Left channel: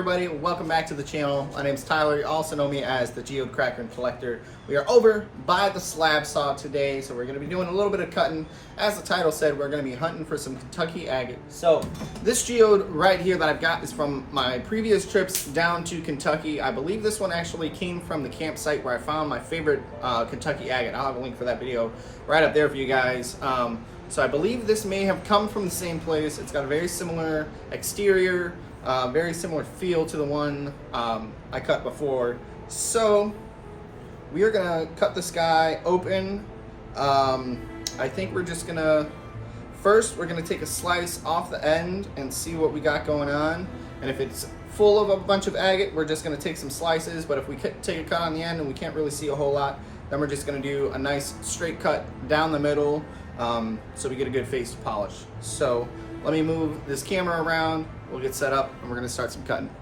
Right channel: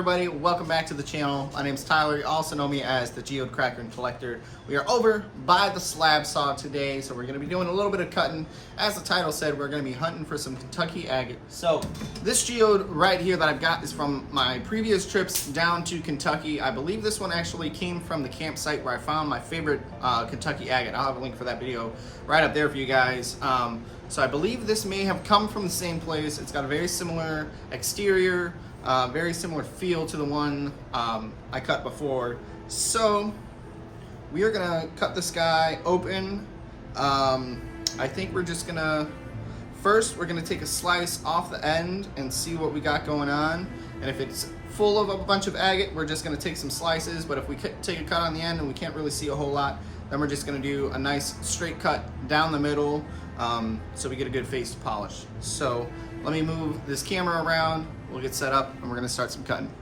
everybody? Welcome back to the channel. My name is Tyler. You also know me as the Geode Cracker and Collector. We are over by the slab saw today, so we're going to be doing a little bit of cutting. As the title said, we're going to be hunting for some Kentucky agate. So this geode right here that I've got is from my previous trips down to Kentucky. I believe this one actually came from the campsite where I found my favorite Kentucky agate. I'll have a link for that video right up there for you guys. So I believe this may have come from the same place. It's got a very similar exterior, very similar feel to the one I cut before. So we are gonna cut this guy open. I think we're just gonna, first we're gonna take a slice off the end and see what we got going on. And if it's full of a bunch of agate, we're just gonna take some slices. But if we take a cut on the end and we can't really see a whole lot, then we're just gonna do a nice straight cut down the middle, so we get a good face to polish. So let me move this camera around, we'll get set up, and we're gonna start some cutting.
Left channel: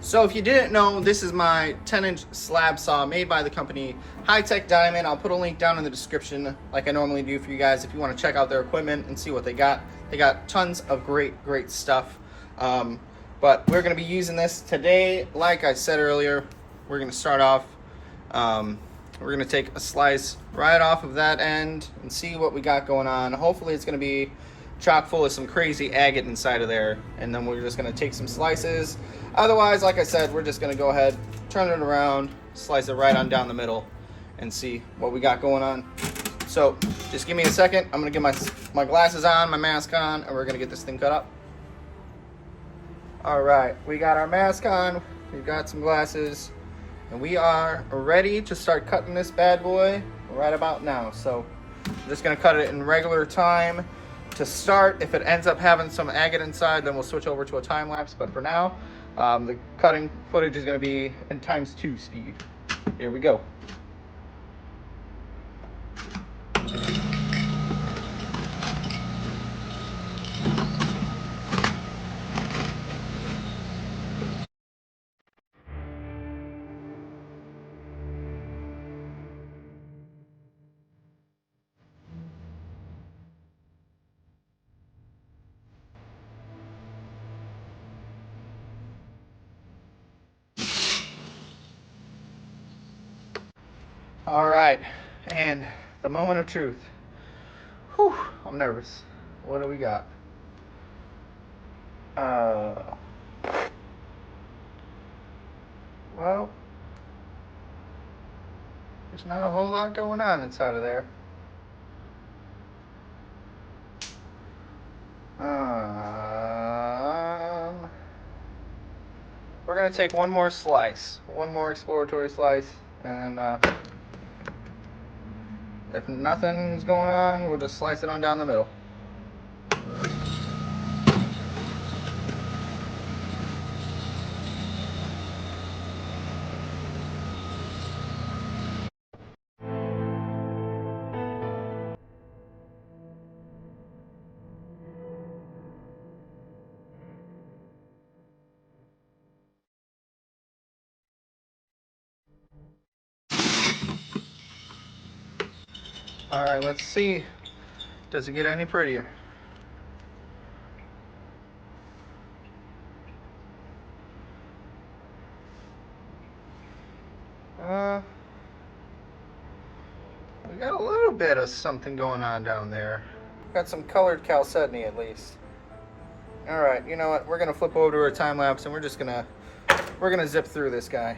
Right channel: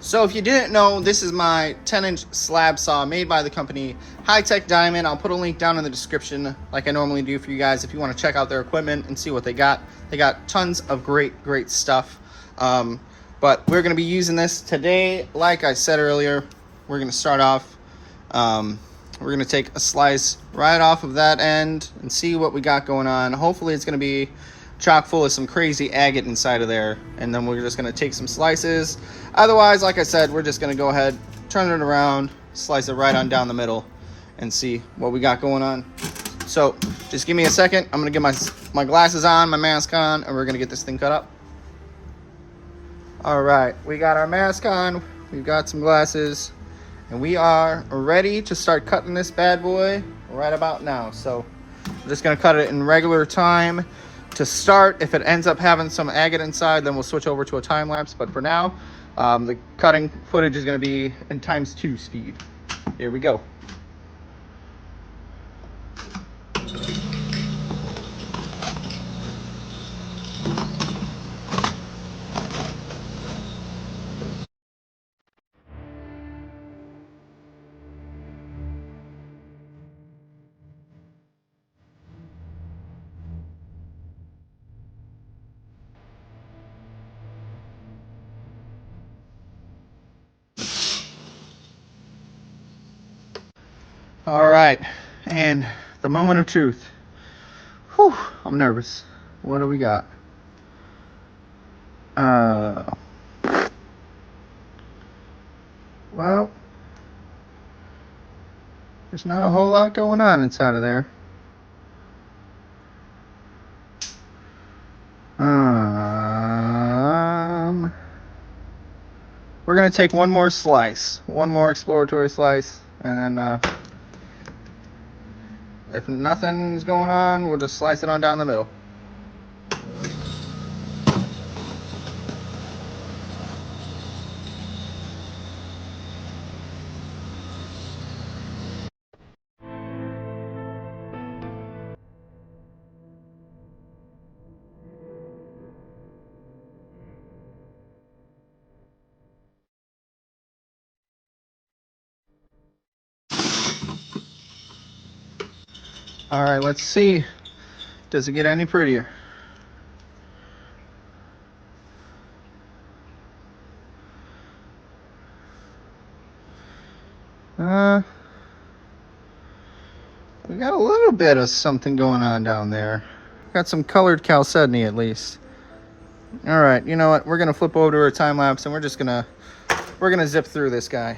So if you didn't know, this is my 10-inch slab saw made by the company High Tech Diamond. I'll put a link down in the description like I normally do for you guys if you want to check out their equipment and see what they got. They got tons of great stuff. But we're gonna be using this today. Like I said earlier, we're gonna start off, we're gonna take a slice right off of that end and see what we got going on. Hopefully it's gonna be chock full of some crazy agate inside of there, and then we're just gonna take some slices. Otherwise, like I said, we're just gonna go ahead, turn it around, slice it right on down the middle, and see what we got going on. So just give me a second. I'm gonna get my glasses on, my mask on, and we're gonna get this thing cut up. All right, we got our mask on, we've got some glasses, and we are ready to start cutting this bad boy right about now. So I'm just gonna cut it in regular time to start. If it ends up having some agate inside, then we'll switch over to a time lapse. But for now, the cutting footage is gonna be in ×2 speed. Here we go. All right, and the moment of truth. Whew, I'm nervous. What do we got? Well, there's not a whole lot going on inside of there. We're gonna take one more slice, one more exploratory slice, and then if nothing's going on, we'll just slice it on down the middle. All right, let's see. Does it get any prettier? We got a little bit of something going on down there. Got some colored chalcedony at least. All right, you know what? We're gonna flip over to our time lapse, and we're gonna zip through this guy.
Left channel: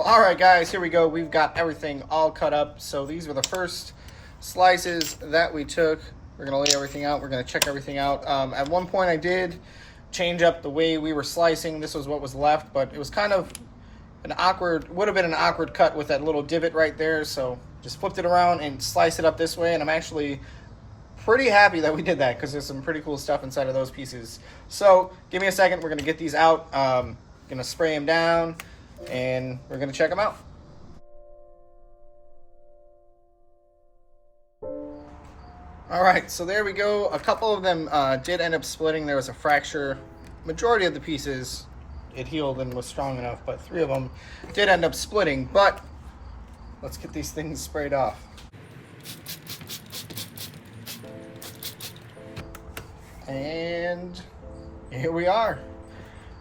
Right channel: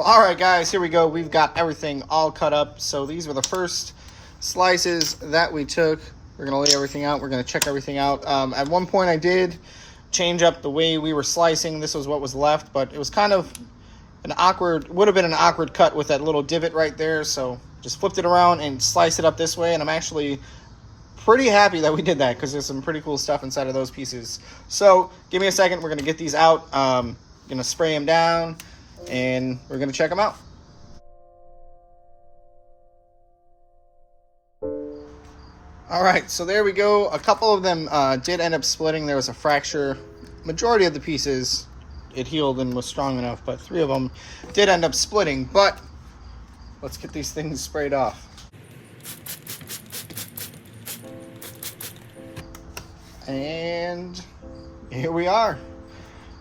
All right, guys, here we go. We've got everything all cut up. So these were the first slices that we took. We're gonna lay everything out. We're gonna check everything out. At one point I did change up the way we were slicing. This was what was left, but it was kind of an awkward, would have been an awkward cut with that little divot right there. So just flipped it around and sliced it up this way, and I'm actually pretty happy that we did that because there's some pretty cool stuff inside of those pieces. So give me a second, we're gonna get these out, gonna spray them down, and we're gonna check them out. All right, so there we go. A couple of them did end up splitting. There was a fracture. Majority of the pieces, it healed and was strong enough, but 3 of them did end up splitting. But let's get these things sprayed off. And here we are.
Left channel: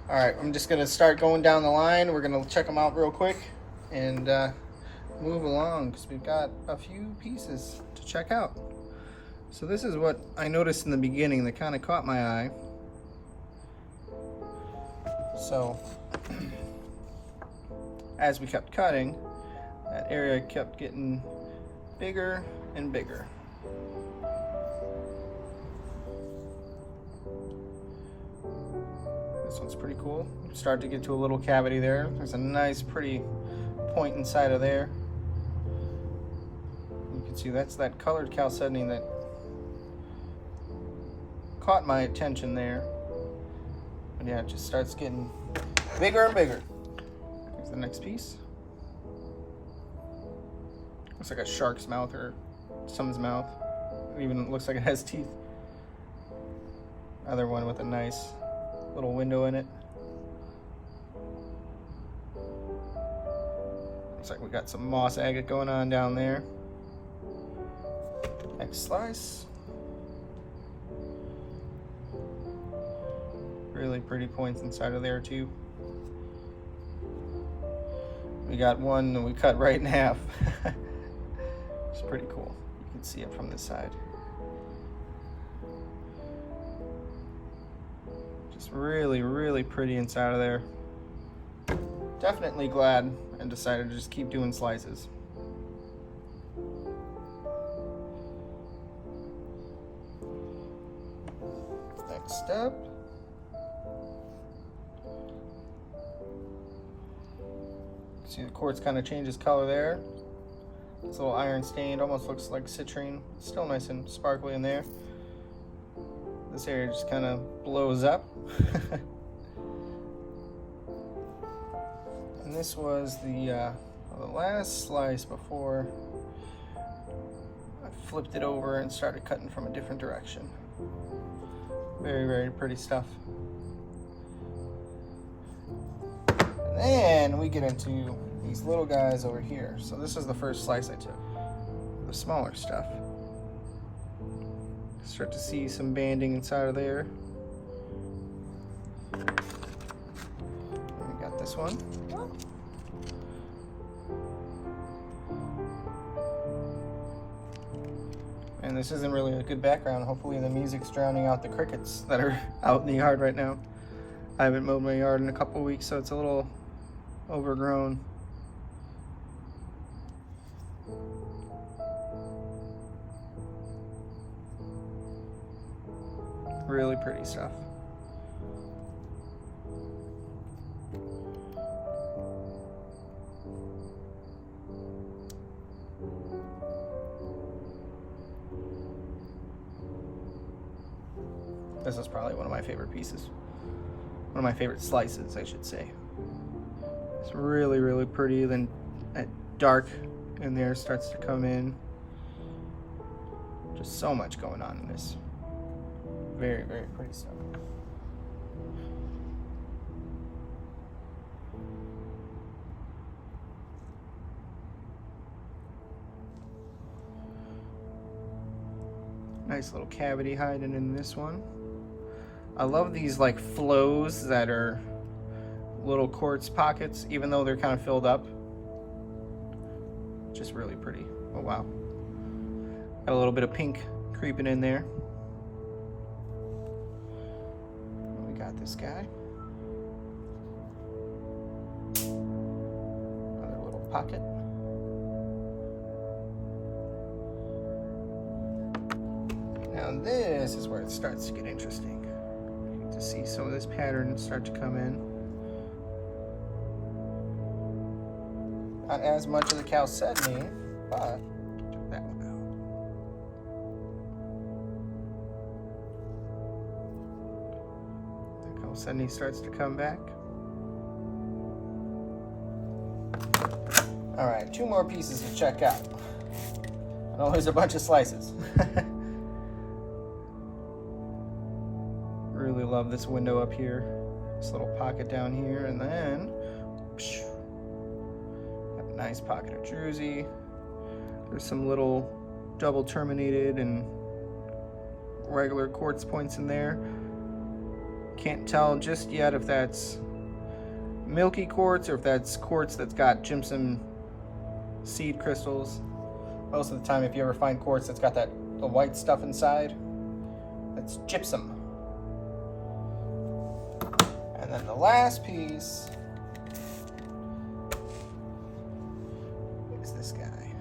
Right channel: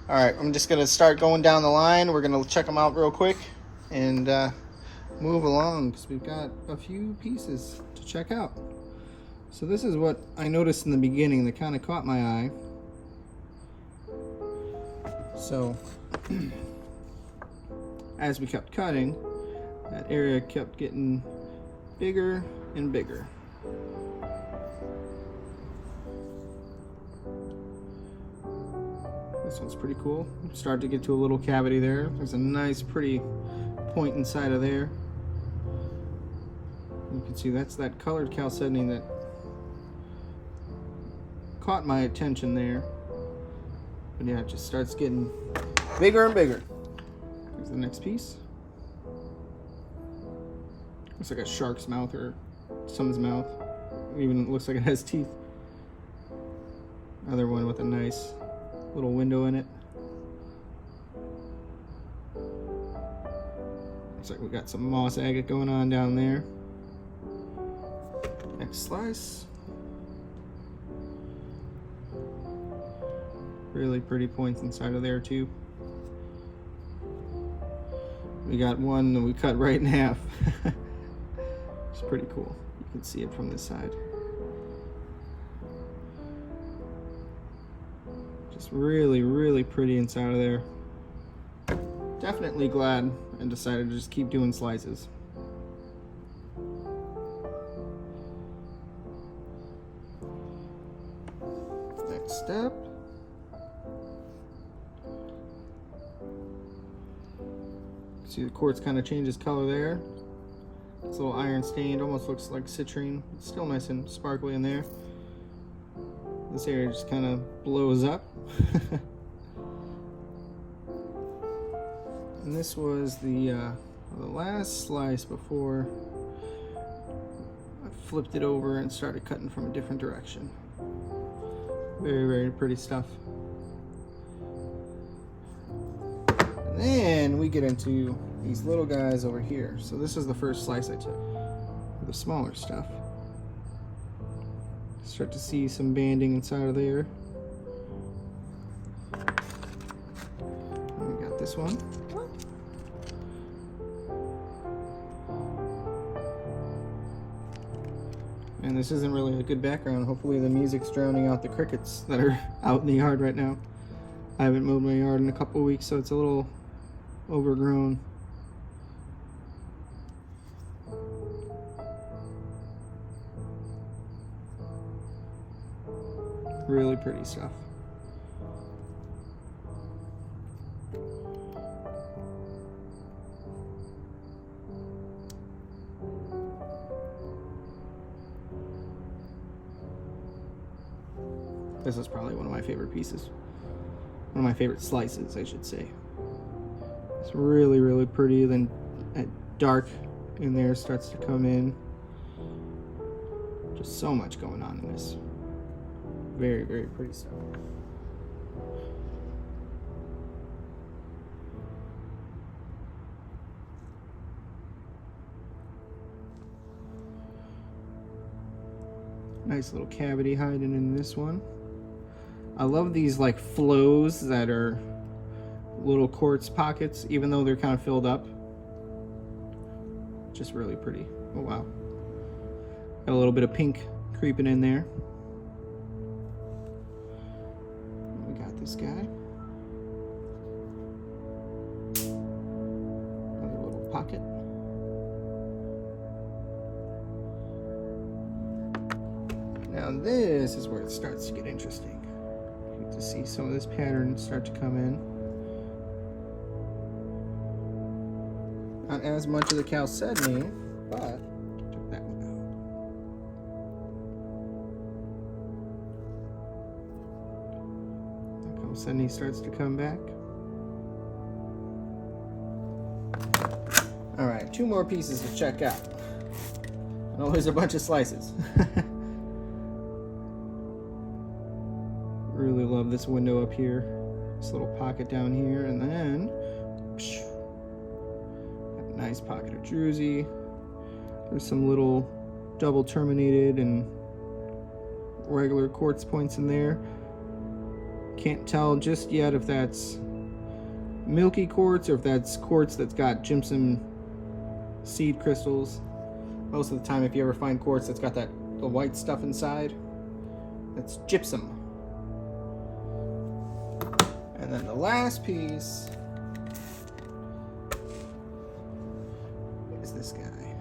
All right, I'm just gonna start going down the line. We're gonna check them out real quick and move along because we've got a few pieces to check out. So this is what I noticed in the beginning that kind of caught my eye. So as we kept cutting, that area kept getting bigger and bigger. This one's pretty cool. Start to get to a little cavity there. There's a nice pretty point inside of there. You can see that's that colored chalcedony that caught my attention there. But yeah, it just starts getting bigger and bigger. Here's the next piece. Looks like a shark's mouth or someone's mouth. It even looks like it has teeth. Another one with a nice little window in it. Looks like we got some moss agate going on down there. Next slice. Really pretty points inside of there too. We got one that we cut right in half. It's pretty cool. You can see it from this side. Just really, really pretty inside of there. Definitely glad and decided to just keep doing slices. Next step. See the quartz kind of changes color there. It's a little iron stained, almost looks like citrine. It's still nice and sparkly in there. This area just kind of blows up. And this was the last slice before I flipped it over and started cutting from a different direction. Very, very pretty stuff. And then we get into these little guys over here. So this is the first slice I took, the smaller stuff. Start to see some banding inside of there. And we got this one. And this isn't really a good background. Hopefully the music's drowning out the crickets that are out in the yard right now. I haven't mowed my yard in a couple weeks, so it's a little overgrown. Really pretty stuff. This is probably one of my favorite pieces. One of my favorite slices, I should say. It's really, really pretty. Then that dark in there starts to come in. Just so much going on in this. Very, very pretty stuff. Nice little cavity hiding in this one. I love these like flows that are little quartz pockets, even though they're kind of filled up. Just really pretty. Oh wow. Got a little bit of pink creeping in there. We got this guy. Another little pocket. Now this is where it starts to get interesting. to see some of this pattern start to come in. Not as much of the chalcedony, but took that one out. The chalcedony starts to come back. All right, 2 more pieces to check out. I know there's a bunch of slices. Really love this window up here. This little pocket down here, and then got a nice pocket of druzy. There's some little double terminated and regular quartz points in there. Can't tell just yet if that's milky quartz or if that's quartz that's got gypsum seed crystals. Most of the time, if you ever find quartz that's got the white stuff inside, that's gypsum. And then the last piece is this guy.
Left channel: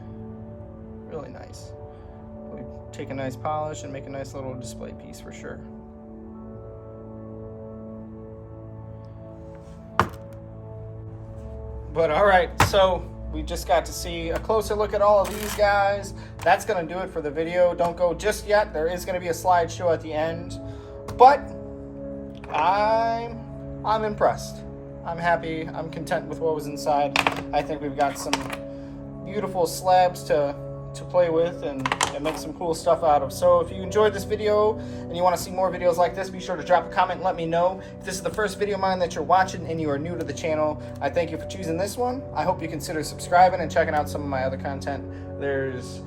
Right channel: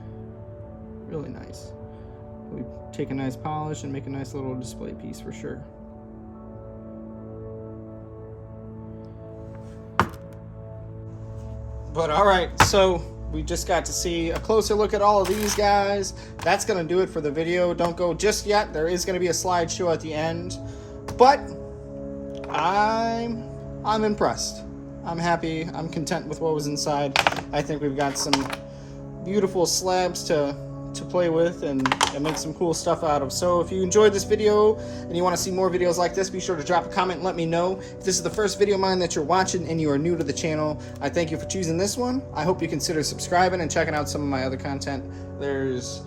Really nice. We take a nice polish and make a nice little display piece for sure. But all right, so we just got to see a closer look at all of these guys. That's gonna do it for the video. Don't go just yet. There is gonna be a slideshow at the end, but I'm impressed. I'm happy. I'm content with what was inside. I think we've got some beautiful slabs to play with and make some cool stuff out of. So if you enjoyed this video and you want to see more videos like this, be sure to drop a comment and let me know. If this is the first video of mine that you're watching and you are new to the channel, I thank you for choosing this one. I hope you consider subscribing and checking out some of my other content. There's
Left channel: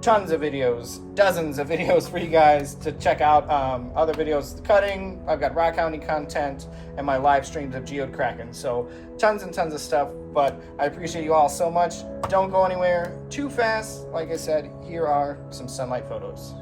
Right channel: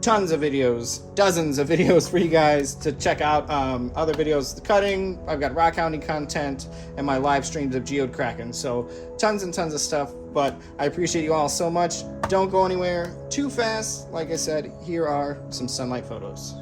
tons of videos, dozens of videos for you guys to check out. Other videos, the cutting, I've got rock hounding content, and my live streams of geode cracking. So tons and tons of stuff, but I appreciate you all so much. Don't go anywhere too fast. Like I said, here are some sunlight photos.